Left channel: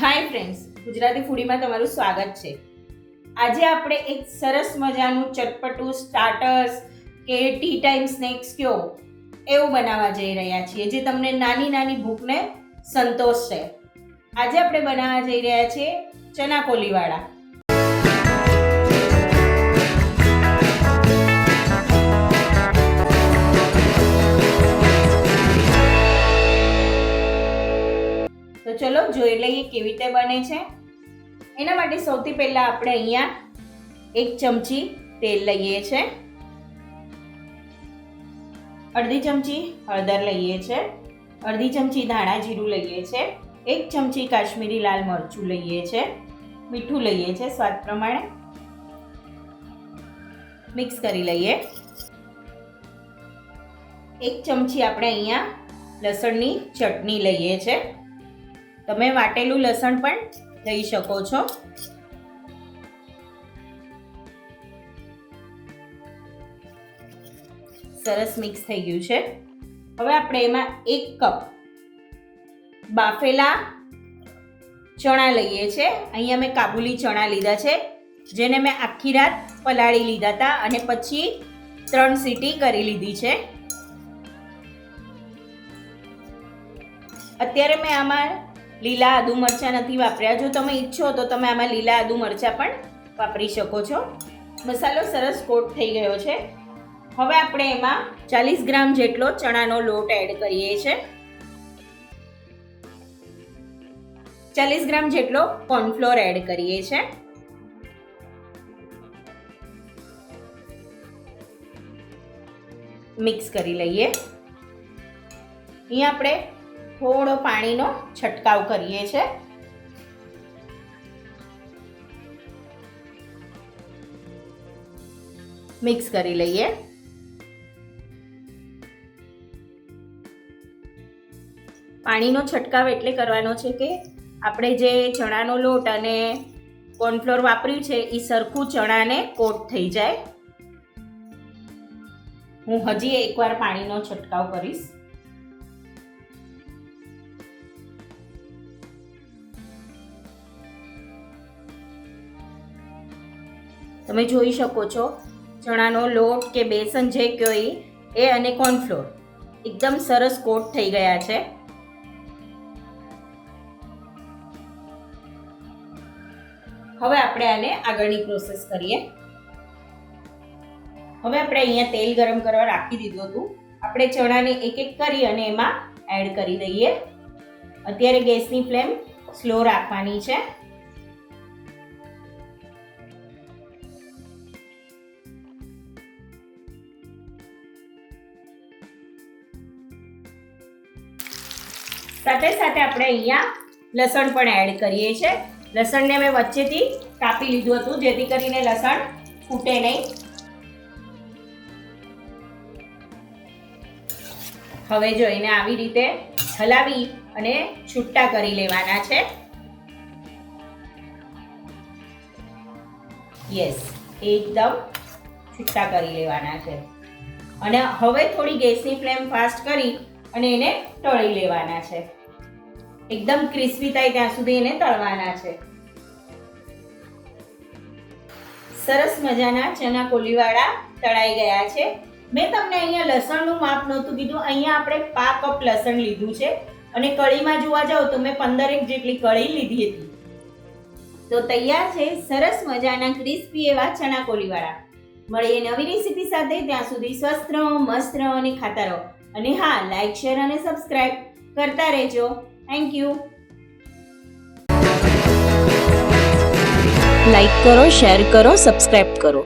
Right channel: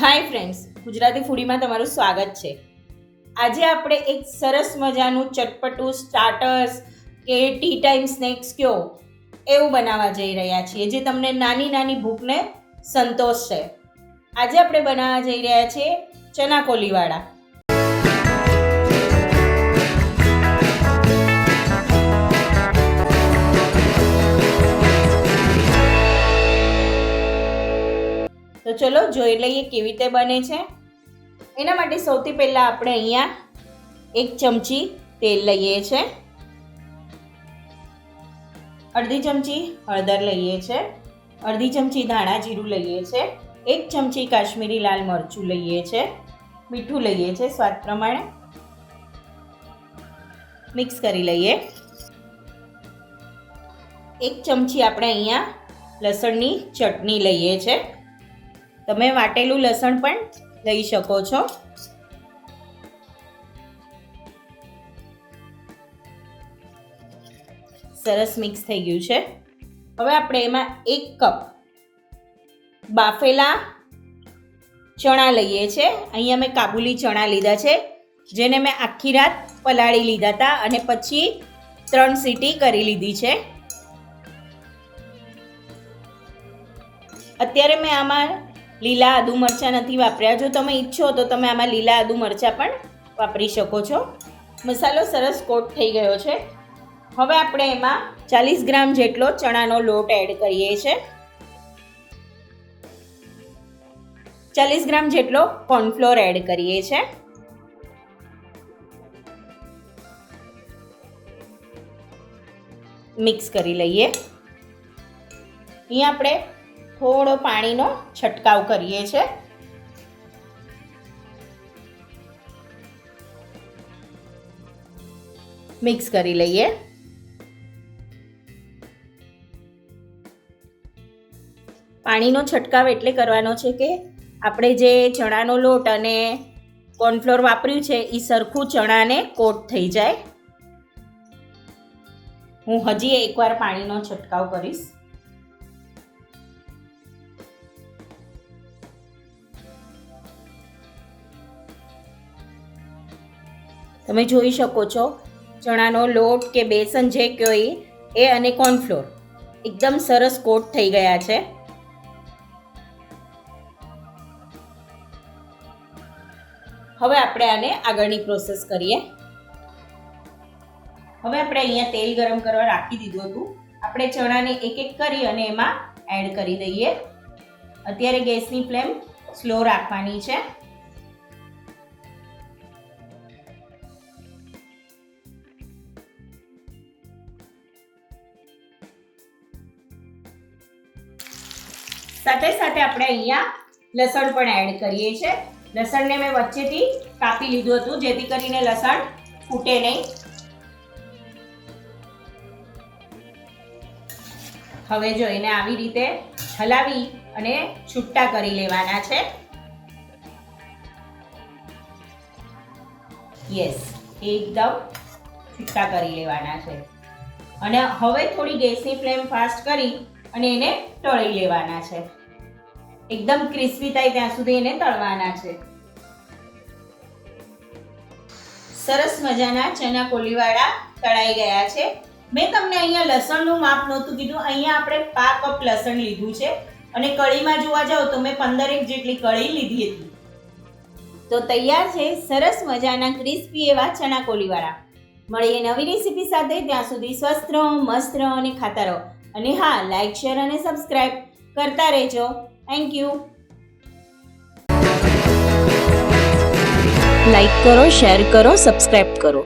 Hi friends Gujarati ફૂડીમાં તમારું સ્વાગત છે. આજે આપણે એક સરસ મજાનું ચટપટું સ્ટાર્ટર્સ કે ટી ટાઈમ સ્નેક્સ કયો એવું બનાવવા જઈ રહ્યા છીએ, જે તમને નાની નાની ભૂખને સંતોષશે. આજે આપણે બનાવવા જઈ રહ્યા છીએ ચના કોલીવાળા. ચલો જોઈ લઈએ કેવી રીતે બને છે. એના માટે સૌથી પહેલાં આપણે અહીંયા એક ચમચી તેલ લઈએ છે. અડધી ચમચી હળદર લઈએ છે. અડધી ચમચી ધાણા જીરું લઈએ છે. એક ચમચી કાશ્મીરી લાલ મરચું લઈએ છે. મીઠું લઈએ છે સ્વાદ પ્રમાણે. મિક્સ કરી લઈએ. એક ચમચી આપણે અહીંયા લસણની ચટણી લઈએ છે. તમે વાટેલું લસણ પણ લઈ શકો છો. સરસ મિક્સ થઈ ગયું છે. હવે આપણે એમાં એક કપ બાફેલા ચણા લઈએ છે. અહીંયા મેં કાબુલી ચણા લીધા છે, જેને મેં આખી રાત પલાળી લીધા હતા અને પછી ત્રણ સીટી કરી લીધી છે. અત્યારે મેં આમાં લીલા આદુ મરચાં નથી વાપર્યા. જો તમે ઈચ્છો તો તમે આમાં લીલા આદુ મરચાં પણ વાપરી શકો છો. મસાલો સરસ કોટ થઈ ગયો છે. હવે આપણે એમાં ચાલીસ ગ્રામ જેટલો ચણાનો લોટ એડ કરીએ છીએ ચાલીસ ગ્રામ જેટલો કોર્નફ્લોર એડ કરીએ છીએ મિક્સ કરી લઈએ. અહીંયા આપણે થોડો પાણીનો છંટકાવ કરીએ છે. મિક્સ કરી લઈએ. પાણીનો છંટકાવ એટલે કરવાનો છે કે આપણે જે ચણાનો લોટ અને કોર્નફ્લોર વાપર્યું છે એ સરખું ચણાને કોટ થઈ જાય. હું હજી એકવાર પાણીનો છંટકાવ કરીશ. તમે જોઈ શકો છો, ચણાનો લોટ કે બેસન જે એ એ અને કોર્નફ્લોર. એકદમ સરસ કોટ થઈ ગયા છે. હવે આપણે આને આગળની પ્રોસેસ કરીએ. હવે આપણે અહીંયા તેલ ગરમ કરવા રાખી દીધું હતું. આપણે ચણાને એક એક કરી અને એમાં એડ કરી દઈએ. અત્યારે ગેસની ફ્લેમ સ્લો રાખવાની છે. સાથે સાથે આપણે અહીંયા લસણ પણ એડ કરીએ છીએ. લસણને મેં વચ્ચેથી કાપી લીધું હતું, જેથી કરીને લસણ ફૂટે નહીં. હવે જો એને આવી રીતે હલાવી અને છૂટા કરી લેવાના છે. યસ એકદમ છૂટા કરી લેવાના છે. અને હવે થોડી ગેસની ફ્લેમ ફાસ્ટ કરી અને એને તળી લેવાના છે. એકદમ ક્રિસ્પી થાય ત્યાં સુધી એને તળવાના છે. સરસ મજાના ચના કોલીવાળા તળાઈ ગયા છે. મેં તમને અહીંયા લસણનું માપ નહોતું કીધું. અહીંયા આપણે પા કપ લસણ લીધું છે. અને કઢીમાં જોવા જાઓ તો મેં પંદરેક જેટલી કઢી લીધી હતી. તો તૈયાર છે સરસ મજાના ક્રિસ્પી એવા ચણા કોલીવાળા. મળીએ નવી રેસીપી સાથે. ત્યાં સુધી સ્વસ્થ રહો, મસ્ત રહો અને ખાતા રહો. અને હા લાઈક શેર અને સબસ્ક્રાઇબ કરતા રહેજો. થેન્ક યુ લાઈક કરો શેર કરો સબસ્ક્રાઇબ કરો.